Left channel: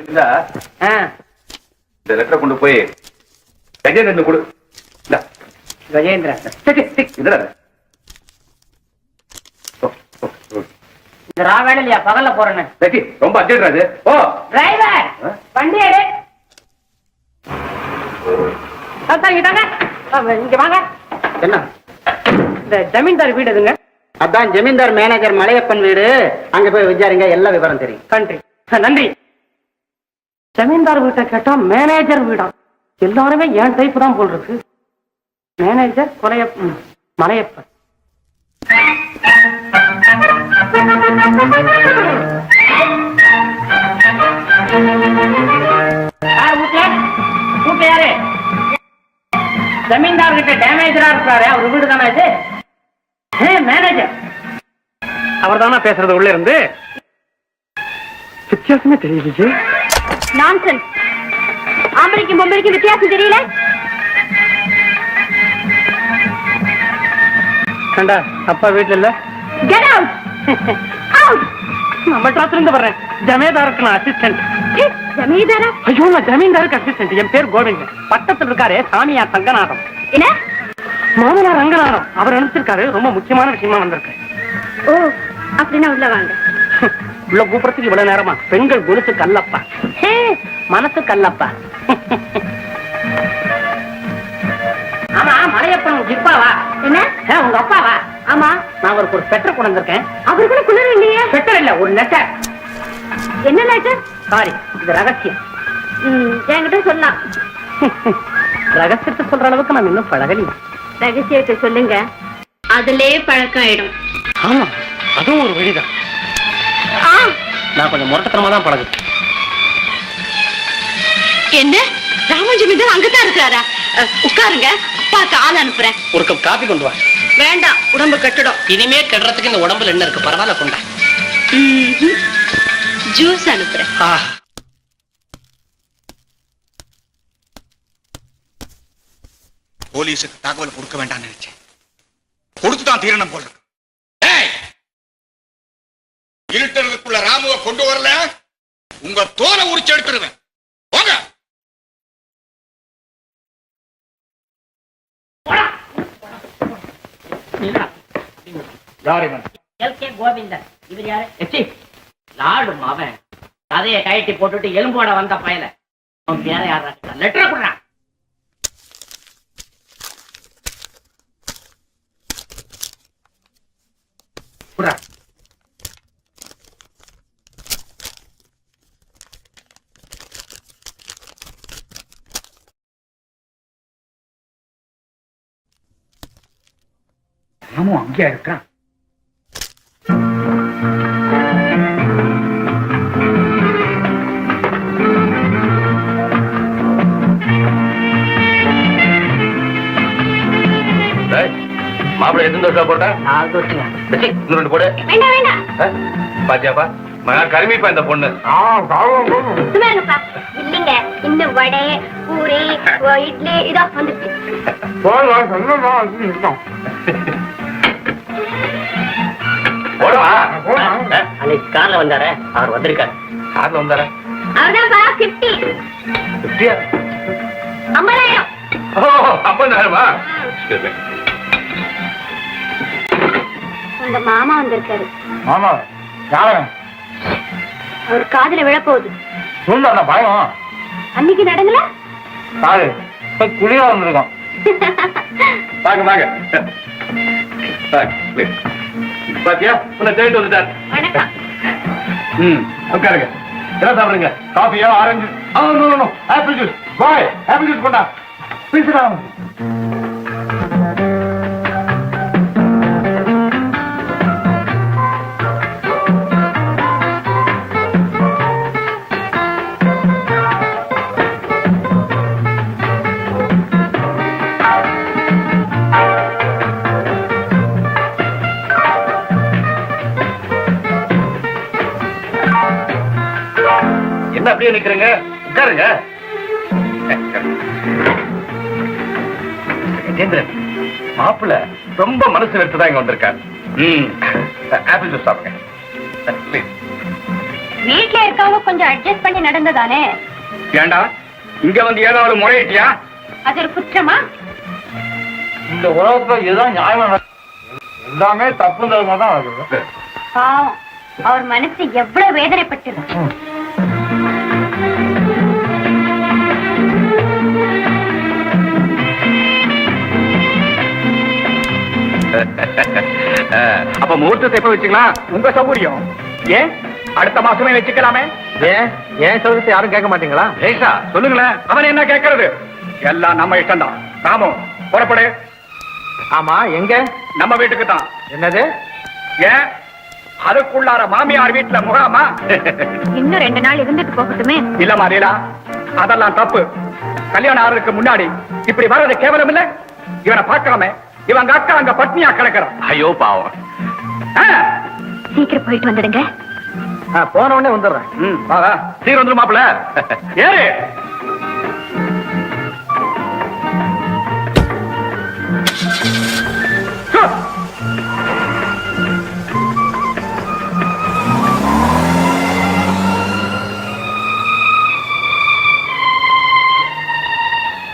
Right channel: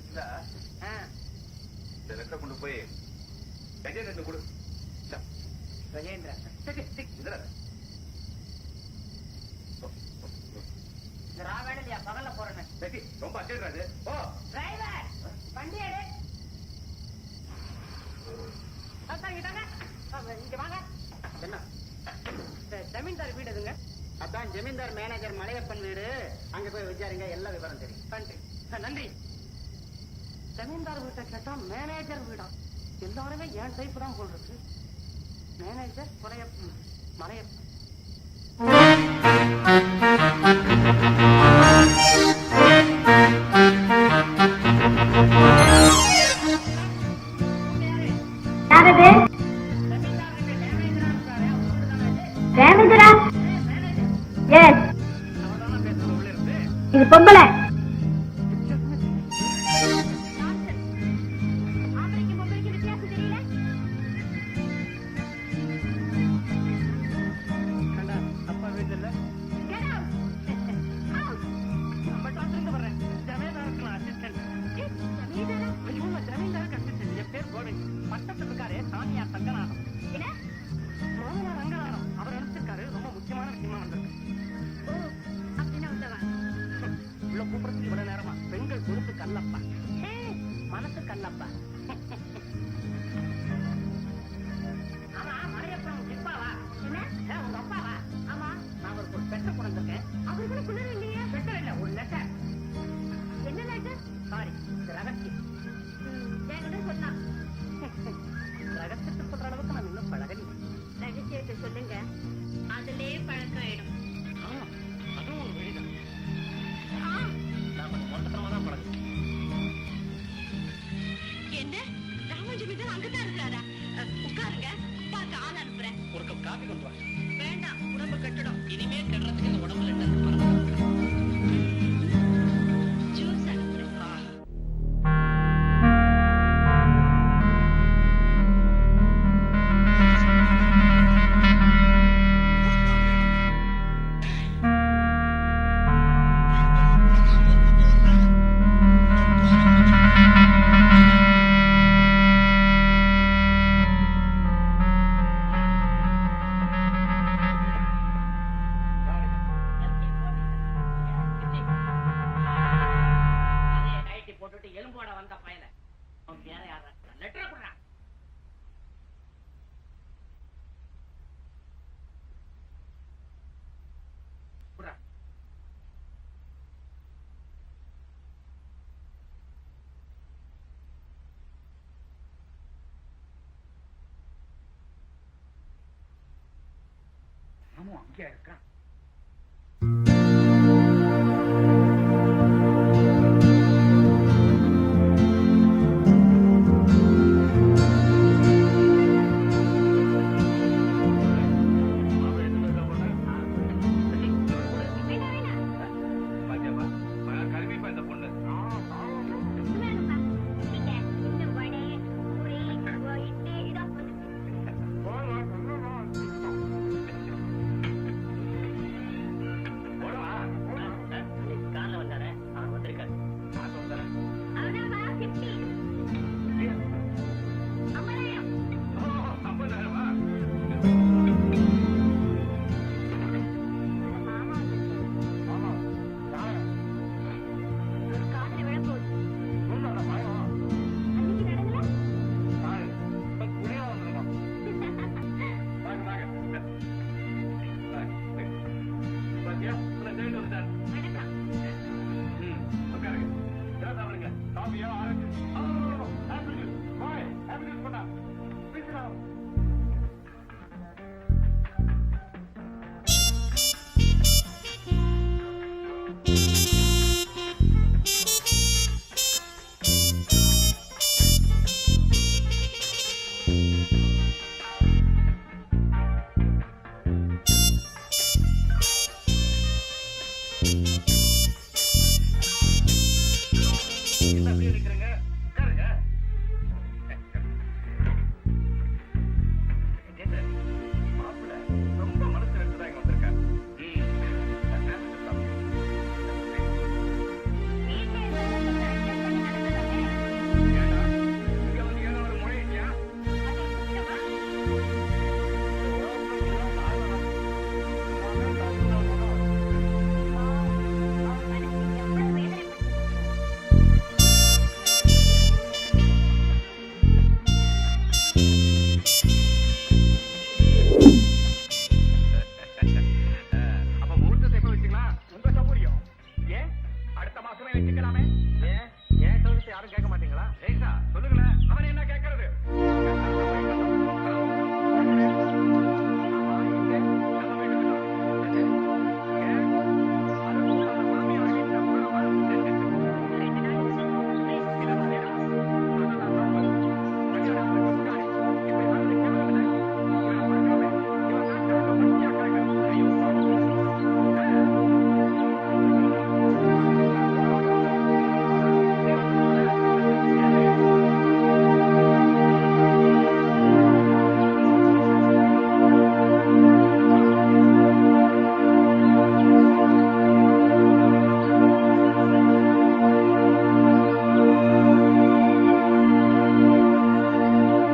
இந்த லெட்டரை கொண்டு போய் கஜேந்திரன் கொடு. கஜேந்திரன் இந்த ராவேல இல்லையா பகல்ல போறேன்னு ரொம்ப அர்ஜென்ட். ஓ டிரைவர் வண்டி எடு. இங்க வாங்க. என்ன இந்த ஜமீன்தார் வீடு எதுங்க? அதான் ஜமீன்தார் மேனேஜர் மலையப்பன் வீடு. அங்க போய் விசாரிங்க, எல்லா விவரம் தெரியும். நன்றி நன்றி. ஜமீன்தார் வீட்டை கேட்டா மேனேஜர் வீடா? எல்லாருமே என் டைப் தான் போல் இருக்கு. மேனேஜர் மலையப்பன். யாரு ஜமீன்தார் கிட்ட டேமேஜரா இருக்காரு. அவர் வீடு தானே இது? மேனேஜர் அவர் தானே பேசுறது உள்ள இருந்து. இது பொம்பளை வித்தியாசமே தெரியுது. நான்சென்ஸ். ஆம்பளைக்கும் பொம்பளைக்கும் வித்தியாசம் தெரியல. கண்டா அப்பா வீட்டுல இல்ல. Get out. அவுட். நம்ம டாக்டர் இருந்து வர்றேன். ஜமீன்தாருக்கு நான் அசிஸ்டன்ட். ஜமீன்தாரா? ஐயோ, நான் ஜமீன்தாருக்கு அசிஸ்டன்ட். என் பேர் கோவிந்த். பக்கத்துல இருக்காரு சாமியார் ரங்கநாதம். என்ன? மாமனார் ரங்கநாதம். அவர் அனுப்பிச்சிருக்காரு. ரொம்ப முக்கியமான விஷயமா வந்திருக்கு. ஓ, அப்படின்னா உள்ள வாங்க. உள்ள கூப்பிடறதுக்கு இவ்வளவு நேரமா? பெண்கள் குருத்து கல்லப்பா, மனசு கல்லப்பா. ஆமா, மலையப்பன் ஜிப்பாவா? என்ன? உங்க அப்பாவா? ஆமா. நான் அவருக்கு ஒரு பெட்டர் கொண்டு வந்திருக்கேன். அவருக்குள்ள குளிர் இல்லையே. பெட்டர் இல்ல, ஒரு லெட்டர். என்ன லெட்டர்? சாரி, இது ரகசியம். என்கிட்ட சொல்லலாம். ரகசியத்தை சொல்ற அளவுக்கு நான் இன்னும் பழகலி. ரகசியத்தை சொல்லுங்க, அதுலே பழக்கம் ஆயிடும். ஆமா, அதுவும் ஒரு வழிதான். நான் கொஞ்சம் முரட்டத்தனமா தான் பழகு. என்ன? ராமஜமீன்தார் அங்கதான் இருக்கிறாரா? உட்காருங்க, அப்பாக்கு ஆள் அனுப்புறேன். ஒரு கப் காபி கொண்டு வா. வேண்டாம், உடம்பு கெட்டுடும். இனிமே கெடுறதுக்கு இந்த உடம்புல என்ன இருக்கு? பரவாயில்ல கொண்டா. ஜூஸ் அனுப்புறேன். போலீஸுக்கு தகவல் கொடுக்க வேண்டாம், கொடுத்துதான் தீரணும் போல. இருட்டலுக்குள்ள ராமுவை கொண்டு வரல, உங்க தோலை உரிச்சு எடுத்துருவேன். போங்க. கோவிந்தன். இவர் யாரு? நாடு மாமன். கதையை கயட்டி போட்டுட்டு எலும்போட வந்த பயல. அவன் பேர யாரா? லெட்டர் கொடுறான். ராமு அங்கேயா இருக்கான்? மாப்பிள்ளை எத்தனை தோசை போட்டா? 4 தோசைங்க. இன்னும் 2 போடு. வேண்டாம் வேண்டாம். பாத்தியாப்பா, கருமிப்பா இந்த பொண்ணு. இல்லைங்க, இன்னும் வடை, பூரி, இட்லி இதோ வந்துச்சு. அன்னைக்கு கார்ல வந்தாரு, அவர் வந்திருக்காரு. கார்ல வந்தாரா? அவர்தான்ப்பா 50. 50? 50,000. ஓ, 50,000-மா? உங்க மாமா வந்திருக்காரு. ஆமா, யாரு? அவர் காதுல விழப்போகுது. சொல்ல பயம். அன்னைக்கு நடங்கல சாரு குளிரா வந்திருக்கோம். வாங்க வாங்க. பாத்தியா, உன்னை தேடிட்டு வந்துட்டார். வணக்கம். உட்காருங்க. என்ன சாப்பிடுங்க? காஃபியா, orange? Apple juice. Boy, apple juice கொண்டா. பேசுறா. என்ன அப்படியே நிக்கிறீங்க? உட்காருங்க. கஜேந்திரன், மாப்பிள்ள ரொம்ப மனசு வெறுத்துதான் இங்க வந்திருக்காரு. ஆப்பிள் ஜூஸ் சாப்பிடுங்க. வீட்ல இருக்கவங்க கொஞ்சம் அட்ஜஸ்ட் பண்ணி நடந்ததானே. ஏண்டா இங்க வந்து ஏதாவது முறையிட்டியா? அது ஒரு குற்றமா? இந்த உலகத்துல இதுதான் நியாயமா, எல்லாமே தப்பு தரமா தான் வருது. பாவம், அவர் மனசு எவ்வளவு வேதனைப்பட்டிருக்கு. அப்ப முகூர்த்தத்தை எப்ப வச்சுக்கலாம்? உங்க சௌகரியம். ஏன் அடுத்த மாசமே வச்சுக்கலாமே? ஏன் சௌகரியத்தை யாரும் கேட்க மாட்டீங்களா? ஏசா சொல்லுங்களேன். அவன் என்ன கேட்கறது? எல்லாம் நம்ம இஷ்டம் தான். ராமு புறப்படு. ஆமா, எங்க? நம்ம வீட்டுக்கு தான். என்னது? ஏன் அதுக்குள்ளார மாமியார் வீட்டுல முகாமா? இன்னும் 2 நாள் இருந்துட்டு போகட்டுமே. இல்ல மாரியலா, அதெல்லாம் தப்பு. கல்யாணம் ஆறதுக்கு முன்னாடி இப்படி வர்றது கேவலம் இல்ல. இவனை பார்க்காம இவங்க அக்கா அங்க பட்னியா கிடக்குறான். ஐயோ பாவம். சீக்கிரம் போயிட்டு வந்துடுங்க. போன உடனே வந்துடுறேன். சீக்கிரம் வந்துடும் மாப்பிள. ஏறு.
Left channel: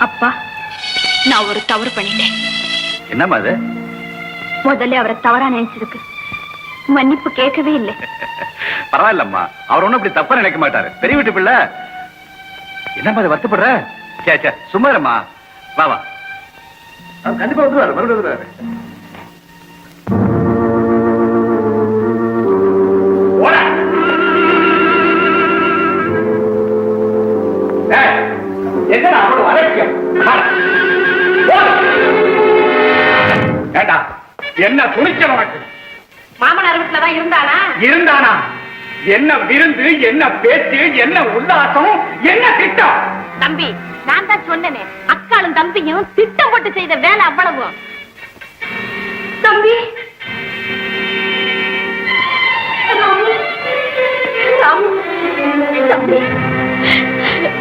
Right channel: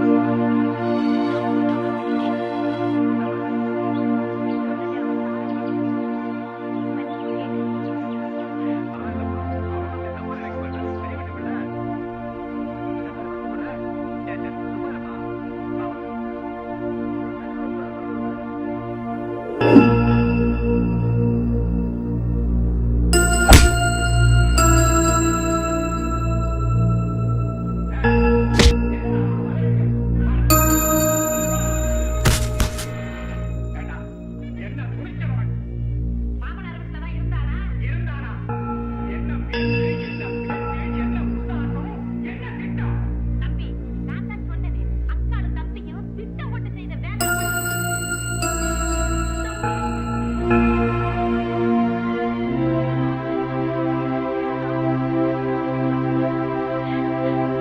அப்பா, நான் ஒரு தவறு பண்ணிட்டேன். என்னம்மா அது? முதல்ல அவரை தவறா நினைச்சிருக்கு. மன்னிப்பு கேட்கவே இல்லை. பரவாயில்லம்மா, அவர் ஒண்ணும் அப்படி தப்பா நினைக்க மாட்டாரு. பெரிய வீட்டு பிள்ளை. என்னம்மா அது வருத்தப்படுற? சே சும்மா இருமா. வா கண்டிப்பா வந்துருவாரு. மறுபடியும் வந்துருவாரு. என்ன துணிச்சல் உனக்கு? மாமனார் வீட்டுலதான் இருந்தானா? என்ன விருந்து, என்ன பேச்சு, என்ன உல்லாசம், என்ன திட்டம்? தம்பி, நான் தான் சொன்னேனே, அக்காளும் தம்பியும் திட்டம் போட்டு செய்த வேலை அவ்வளவு. தம்பி, ராமு, ராமு, தம்பி,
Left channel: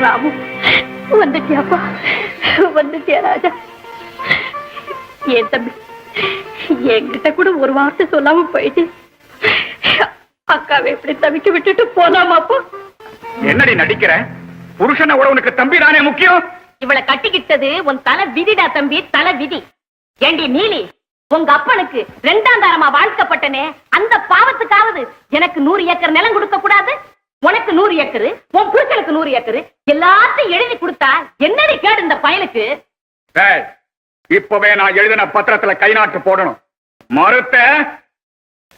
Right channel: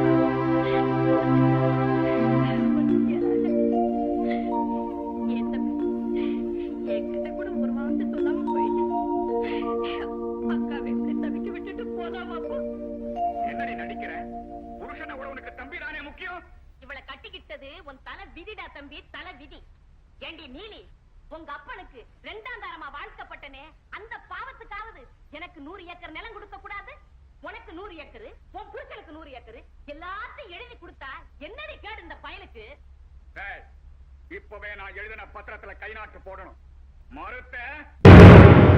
ராமு, வந்துட்டியாப்பா? வந்துட்டியா ராஜா? ஏன் தம்பி, என்கிட்ட கூட ஒரு வார்த்தை சொல்லாம போயிட்டு அக்காவை எப்படி தவிக்க விட்டுட்டு போலாமாப்பா? என்னடி நடிக்கிற? புருஷனை விட உனக்கு தம்பி தானே முக்கியம். இவளை கட்டிக்கிட்டது உன் தலை விதிடா தம்பி, தலை விதி. ஏண்டி நீலி, உங்க அப்பனுக்கு 2ஆம் தாரமா வாழ்க்கப்பட்டனே, அந்த பாவத்துக்காவது எனக்கு 100 ஏக்கர் நிலம் கொடுக்க கூடாது? உனக்கு 100 ஏக்கர், உன் புருஷனுக்கு 100 ஏக்கர், எல்லாத்தையும் எழுதி கொடுத்தா என்னடி கேடு இந்த பயலுக்கு? இப்பவே நான் எழுதின பத்திரத்துல கை நாட்டு போடணும். மறுத்த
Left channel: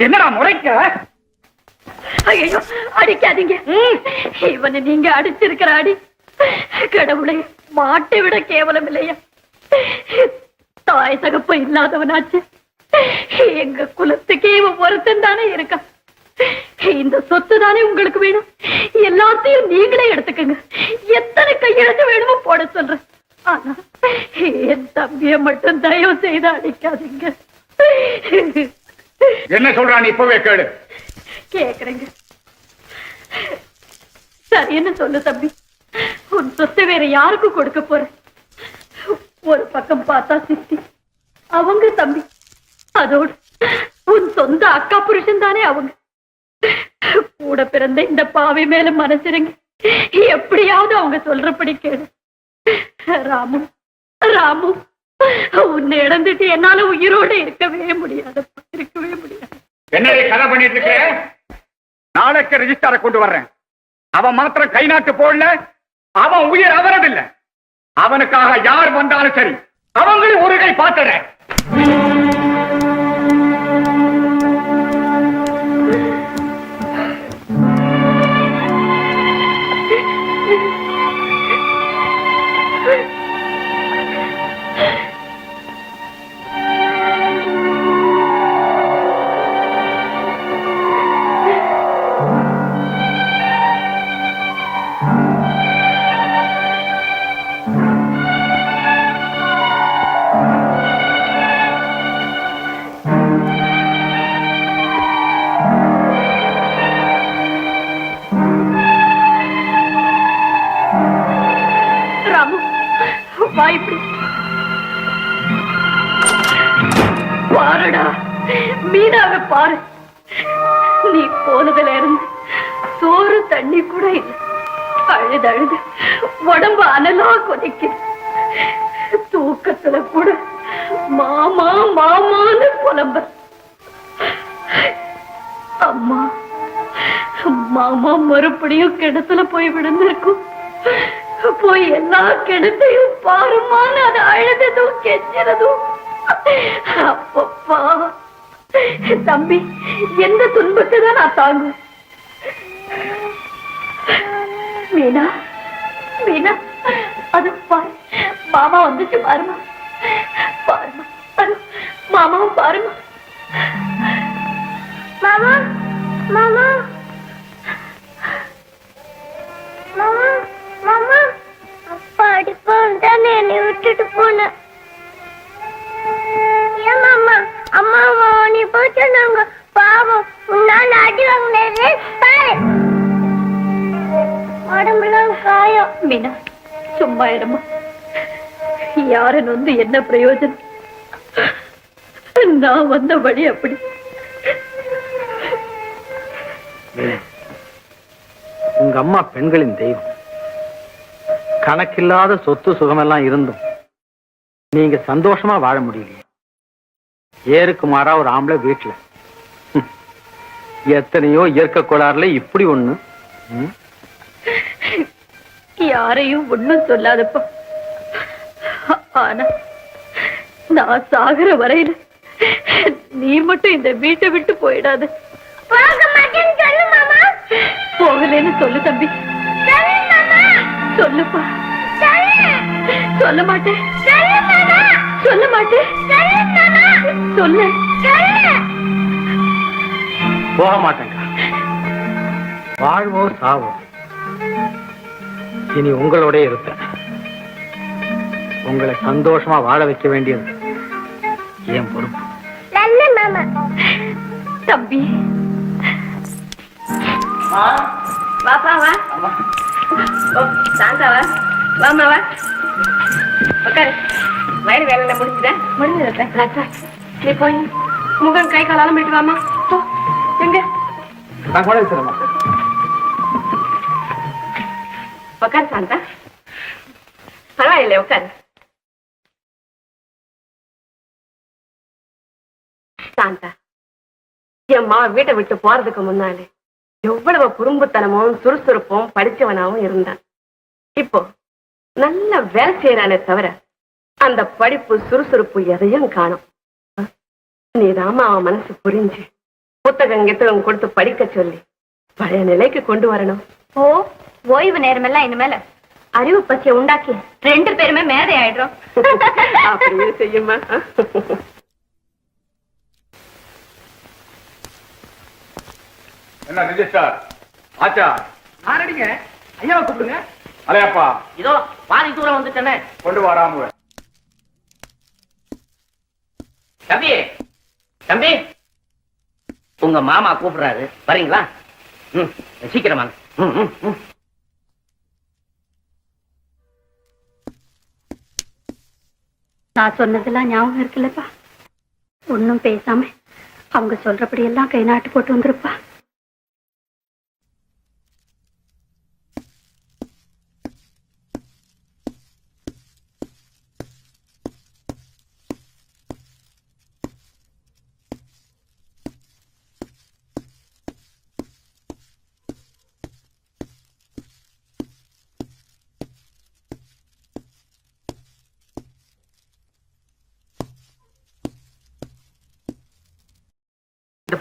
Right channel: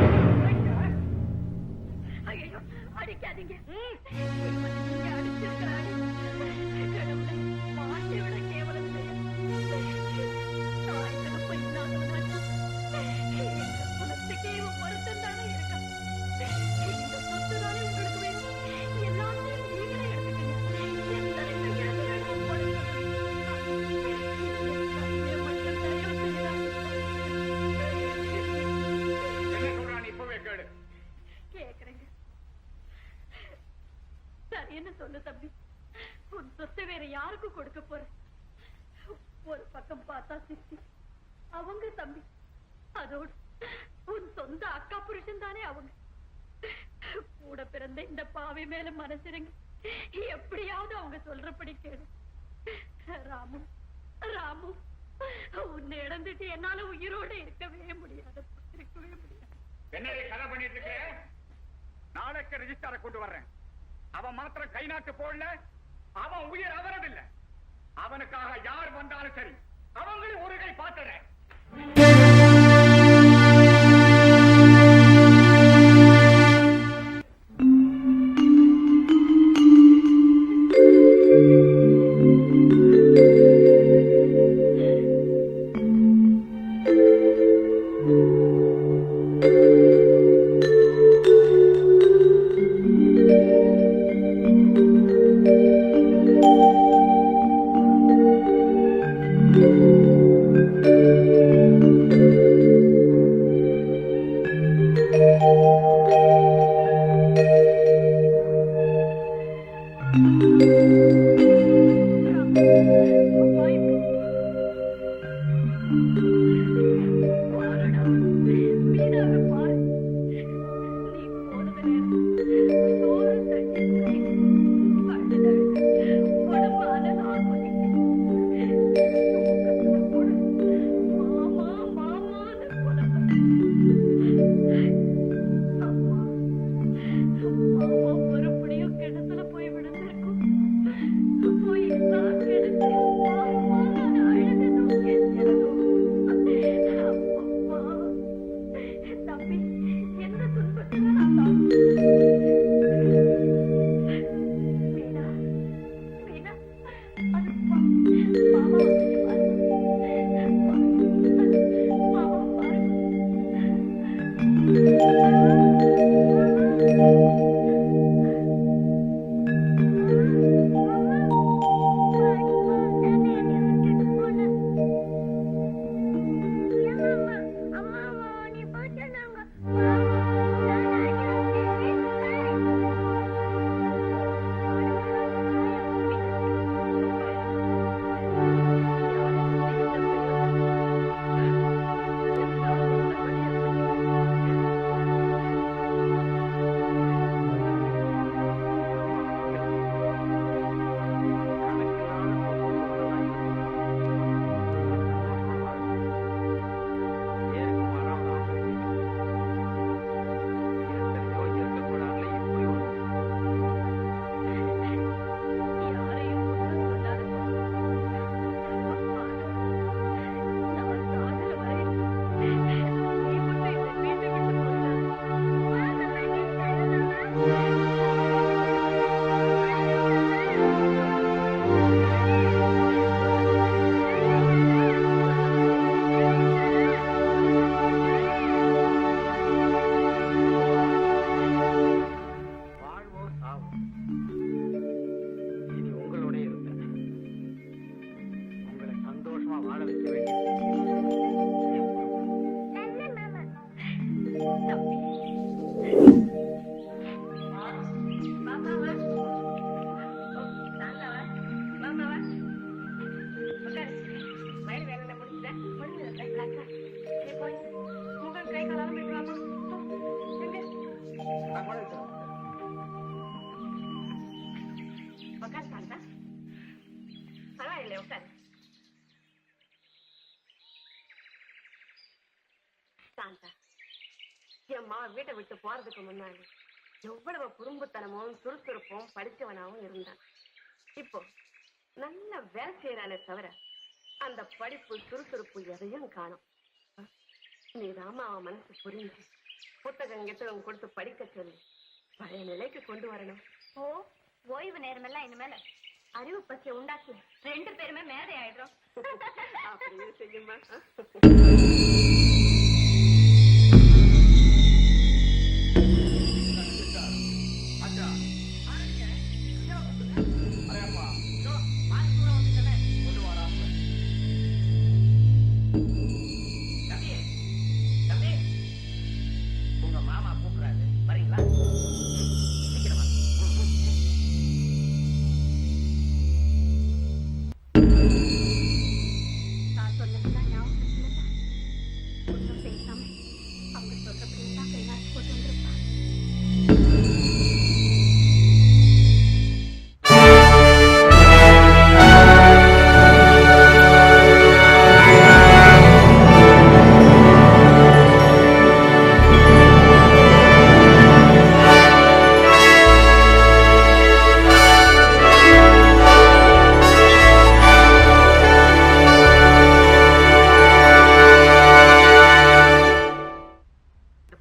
என்னடா முறைக்க? ஐயோ, அடிக்காதீங்க. இவனை நீங்க அடிச்சிருக்கிற அடி கடவுளை மாட்டை விட கேவலம் இல்லையா? தாய் தகப்ப இல்லாதவனாச்சு. எங்க குலத்துக்கே இவன் ஒருத்தன் தானே இருக்கான். இந்த சொத்து தானே உங்களுக்கு வேணும். எல்லாத்தையும் நீங்களே எடுத்துக்கங்க. எத்தனை கையெழுத்து வேணுமோ போட சொல்றேன். ஆனா என் தம்பிய மட்டும் தயவு செய்து அடிக்காதீங்க. என்ன சொல்றான் இப்பவே கேளு. கேக்குறேங்க. சரி, என்ன சொல்லு தம்பி. உன் சொத்தை வேற யாருக்கும் கொடுக்க போற? ஒரு பக்கம் பார்த்தா சித்தி, அவங்க தம்பி, அதோடு உன் சொந்த அக்கா புருஷன் தானே அவங்க. கூட பிறந்த இந்த பாவை மேல மனசிறங்கி எப்படியாவது அவங்க சொல்றபடி கேளு. ராமு, ராமு, உன்னை இழந்துட்டு என்னால உயிரோட இருக்கவே முடியாது, இருக்கவே முடியாது. என்னடி கதை பண்ணிட்டு இருக்க? நாளைக்கு ரெஜிஸ்டாரை கொண்டு வர்றேன். அவன் மாத்திரம் கை நாட்டு போடல, அவன் உயிர் அவரதில்லை. அவனுக்காக யார் வந்தாலும் சரி, அவங்களும் ஒரு கை பார்த்துறேன். பாருடா, மீனாவை பாரு. நீ போனதுல இருந்து சோறு தண்ணி கூட இல்லை. அழுது அழுது உடம்பு அனலா கொதிக்குது. தூக்கத்துல கூட மாமா மாமான்னு புலம்ப. அம்மா மாமா மறுபடியும் கிணத்துல போய் விழுந்திருக்கும். போய் எல்லா கிணத்தையும் பாருமான்னு அது அழுததும் கெஞ்சதும். அப்பப்பா தம்பி, எந்த துன்பத்தை தான் நான் தாங்கும்? மீனா மீனா, அது மாமா வந்துச்சு பாருமா. மாமாவும் பாருமா. மாமா மாமா மாமா மாமா, அப்பா அடிப்பான் தானே என்னை விட்டுட்டு போன. ஏன் மாமா? அம்மா நீ போய் சொன்னாங்க. பாவம், நான் அடி வாங்கினது பாரு, உடம்புலாம் காயம். மீனா சும்மா இருமா. யாருன்னு வந்து என்ன பிரயோஜனம்? நான் வந்த வழி அப்படி. உங்க அம்மா பெண்களின் தெய்வம். கணக்கில்லாத சொத்து சுகமெல்லாம் இருந்தும் நீங்க சந்தோஷமா வாழ முடியல. ஏருக்கு மாறா ஒரு ஆம்பளை வீட்டுல. எத்தனையோ இயற்கை கோளாறுல இப்படி ஒண்ணு. யாரையும் ஒண்ணும் சொல்லாதப்பா. ஆனா நான் சாகுற வரையில நீ மட்டும் இந்த வீட்டை விட்டு போயிடாத. போகலன்னு சொல்லு தம்பி. சொல்லுப்பா. சொல்ல மாட்டேன். சொல்ல மாட்டேன். சொல்லு. போக மாட்டேங்க. வாழ்வோ சாவோ இனி உங்களோட இருப்பேன். உங்களை சந்தோஷமா வாழ வைக்க வேண்டியது என் பொறுப்பு. தம்பி வாப்பா வா. சாந்தாவா வாமாவா உட்காரு. வயிறு வேலை முடிஞ்சுதா? முடிஞ்சது. நீ போய் முகம் கை காலாலும் போயிட்டு வாமா. போ. எங்க நான் கூட வச்சிருமா. உட்காரு சாந்தா. பரவாயில்லை உட்காரு. சாந்தா, என் மாவ வீட்டை விட்டு போறதுக்கு முன்னாலே எவ்வளவு குறும்புத்தனமும் சுறுசுறுப்பும் படிச்சவனாவும் இருந்தான். இப்போ நல்ல வேலை செய்யறானே தவிர அந்த படிப்பு சுறுசுறுப்பு எதையும் காணும். நீதாமா அவன் மனசு புரிஞ்சு புத்தகம் கித்தகம் கொடுத்து படிக்க சொல்லி பழைய நிலைக்கு கொண்டு வரணும். ஓ, ஓய்வு நேரம் எல்லாம் இனிமேல அறிவு பசியை உண்டாக்கி 2 பேருமே மேதை ஆயிடுறோம். அப்படியே செய்யுமா. என்ன ரிஜிஸ்டார் ஆச்சா? ஆரடிங்க. ஐயாவை கூப்பிடுங்க. அலையப்பா, இதோ பாதி தூரம் வந்துட்டேனே. கொண்டு வராம. தம்பி தம்பி, உங்க மாமா கூப்பிடுறாரு, வரீங்களா? சீக்கிரமா. நான் சொன்னதெல்லாம் ஞாபகம் இருக்குல்லப்பா. ஒன்னும் பேசாம அவங்க சொல்றபடி எல்லாம் கை நாட்டு போட்டு வந்துருப்பா.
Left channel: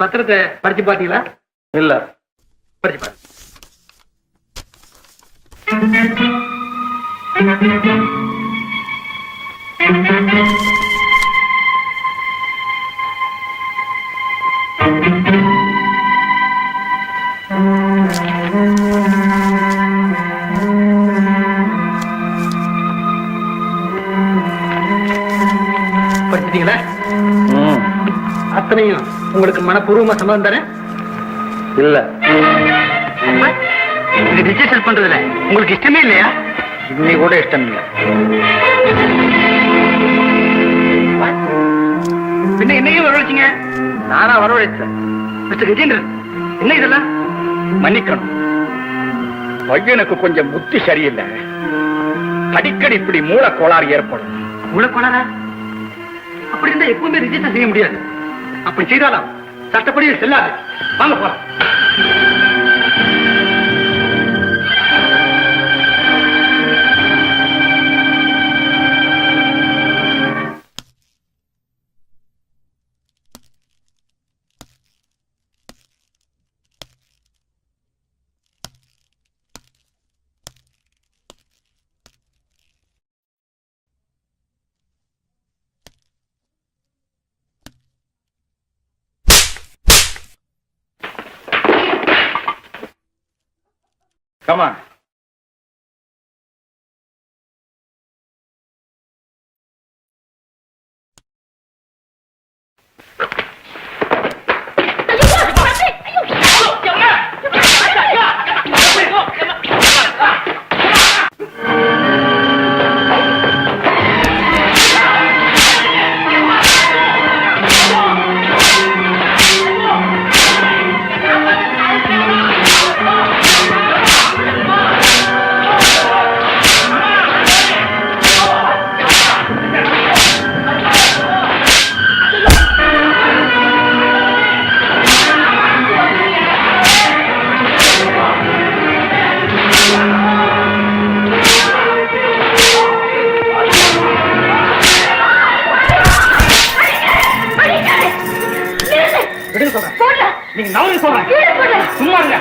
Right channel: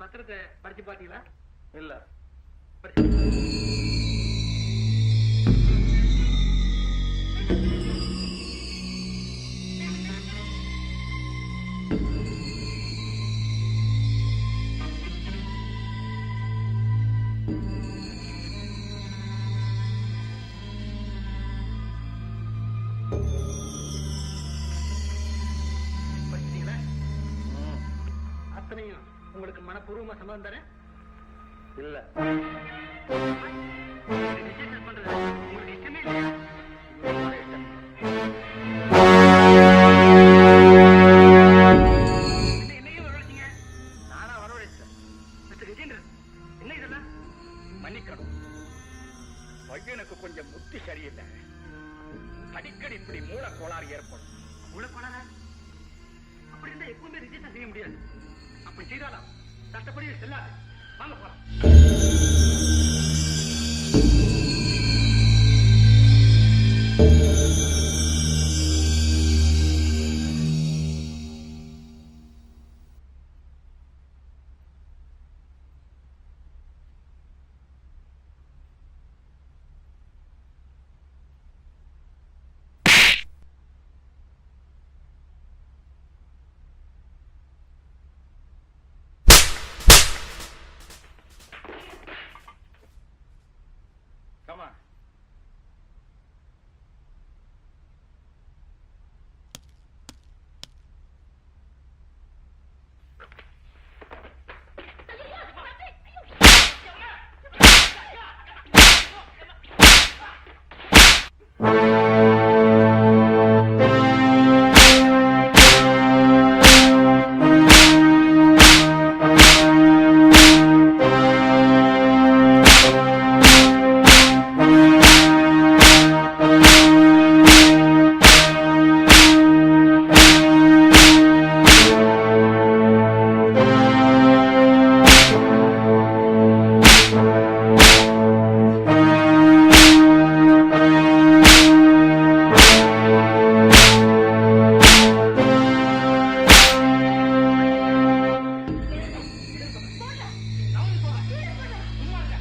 பத்திரத்தை படிச்சு பாத்தீங்களா? இல்ல. படிச்சு பாருங்க. படிச்சிட்டீங்களா? அத்தனையும் உங்களுக்கு மனப்பூர்வமா சம்மதம் தானே? இல்ல. இது ரிஜிஸ்டர் பண்றதுல உங்களுக்கு இஷ்டமே இல்லையா? இன்னைக்கு கூட இஷ்டம் இல்ல. பின்ன என்னையும் வரவழைச்சீங்க? நானா வரவழைச்சேன். மிஸ்டர் கஜேந்திரன், என்ன இதெல்லாம்? மன்னிக்கணும். பையனுக்கு கொஞ்சம் புத்தி சரியில்லை. அடிக்கடி இப்படி மூளை கோளாறு ஏற்படும். மூளை கோளாறா? அப்படி இருந்தா எப்பவுமே ரிஜிஸ்டர் செய்ய முடியாது. அப்படி செய்தாலும் சட்டப்படி செல்லாது. வாங்க போலாம். Come on. நீங்க நவரு சொல்றேன். சும்மா இருங்க.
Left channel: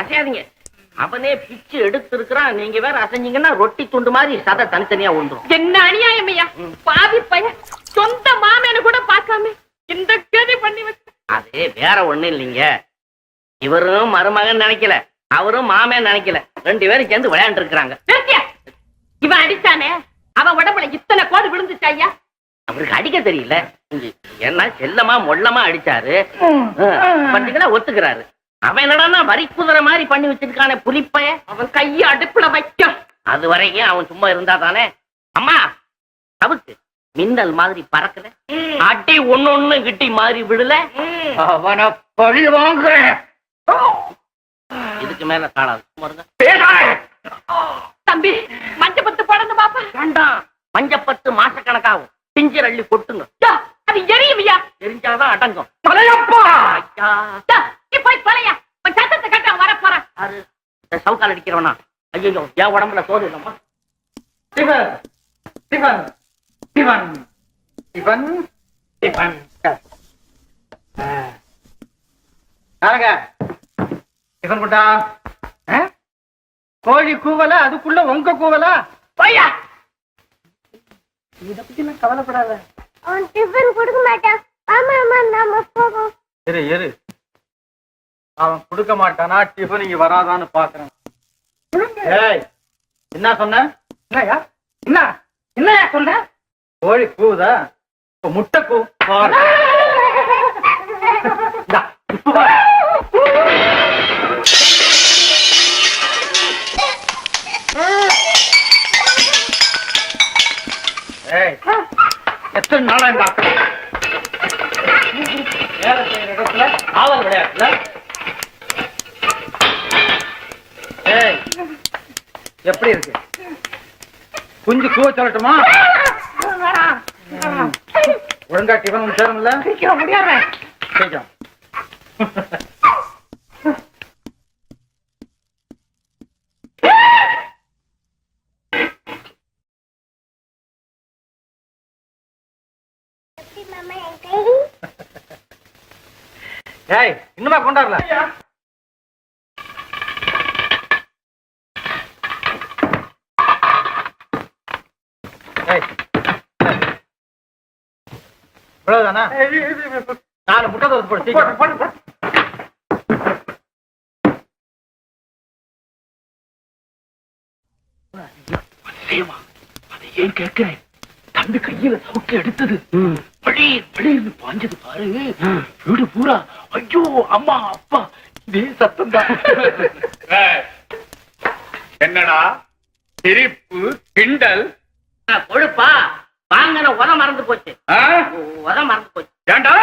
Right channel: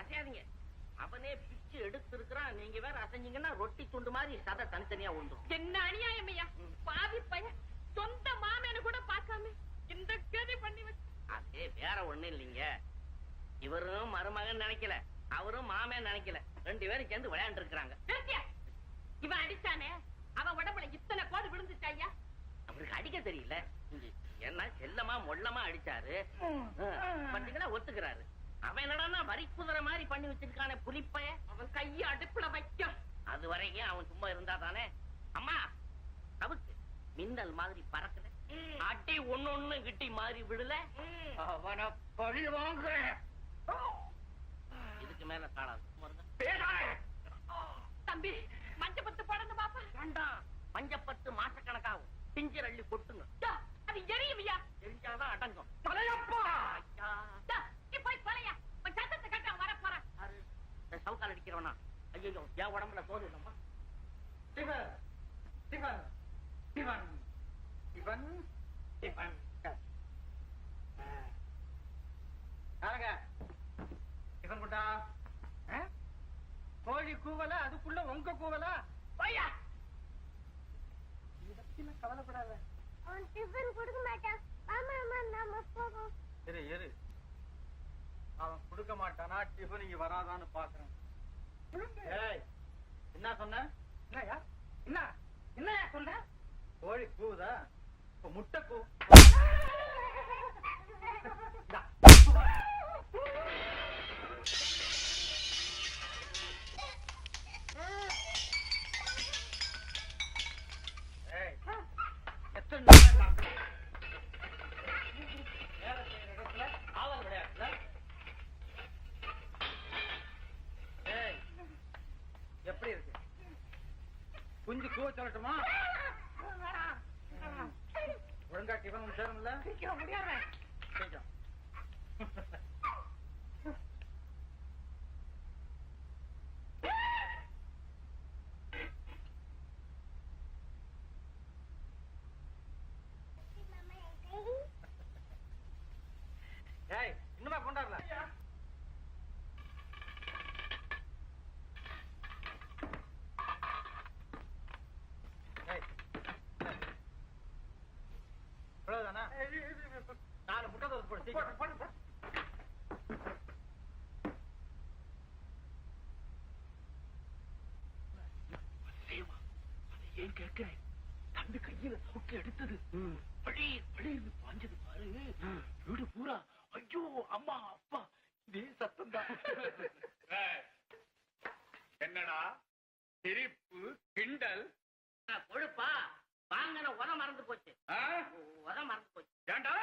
அசையாதீங்க. அவனே பிச்சு எடுத்து இருக்கிறான். நீங்க வேற அசைஞ்சீங்கன்னா ரொட்டி துண்டு மாதிரி சதை தனித்தனியா ஒன்றும். என்ன அநியாயம் ஐயா! பாவி பையன் சொந்த மாமேனு கூட பார்க்காம இந்த கேதி பண்ணி வச்சு. அது வேற ஒண்ணு இல்லைங்க. இவரும் மருமகன் நினைக்கல, அவரும் மாமன் நினைக்கல. 2 பேரும் சேர்ந்து விளையாண்டு இருக்கிறாங்க. இவன் அடிச்சானே, அவன் உடம்புல இத்தனை கோடு விழுந்துச்சா ஐயா? அவருக்கு அடிக்க தெரியல. என்ன செல்லமா மொல்லமா அடிச்சாரு. பட்டிகளா ஒத்துக்கிறாரு. அவன் என்னடா வரி குதிரை மாதிரி பண்ணி வச்சிருக்கானே புலிப்பைய. அவன் கைய அடுப்புல வைக்க. அது வரைக்கும் அவன் சும்மா இருந்தா தானே. அம்மா தவிர்த்து மின்னல் மாதிரி பறக்கல, அடி ஒண்ணு கிட்டி மாதிரி விடல. அவனை பழி வாங்குறேன். இதுக்கு மேல காணாது. தம்பி, மஞ்சப்பத்து போடணும் பாப்பா. வேண்டாம், மஞ்சப்பத்து மாசக்கணக்காகும். பிஞ்சர் அள்ளி கொட்டுங்க. அது எரியுமையா? எரிஞ்சாதான் அடங்கும். போய் பழையா சத்தத்தை கட்ட வர போறான். சவுக்கால் அடிக்கிறவனா? ஐயோ, என் உடம்புல சோறு இல்லம்மா. கோழி கூவல, அதுக்குள்ள உங்க கூவலா? பையா, இத பத்தி நான் கவலைப்படாத. அவன் டிஃபன் கொடுக்க மாட்டான். ஆமா ஆமா, நாம போவோம். இரு, அவன் கொடுக்க மாட்டானா? டிஃபன் இங்க வராதான்னு பாக்குறேன். ஏய், என்ன சொன்ன? என்னயா என்னயா சொன்ன? கோழி கூவுதா? இப்ப முட்டை கூ. எத்தனை நாளா இந்த வேலை செய்யற இடத்துல ஆவல் விளையாட்டுல? எப்படி இருக்கு? குஞ்சு கூவ சொல்லட்டுமா? ஒழுங்கா டிஃபன் சேரும்ல? முடியாது. சீக்கிரம். ஏய், இன்னுமா கொண்டாடல? இவ்வளவுதானா? 4 முட்டை தோசை போடு சீக்கிரம். அதை ஏன் கேட்கிறேன்? தம்பி கையில சவுக்கு எடுத்தது பழீர்னு பாஞ்சது பாரு. வீடு பூரா ஐயோ அம்மா அப்பா இதே சத்தம் தான். என்னடா சிரிப்பு கிண்டல்? கொழுப்பா வாங்கின உரம் மறந்து போச்சு. உரம் மறந்து போச்சு. ஏண்டா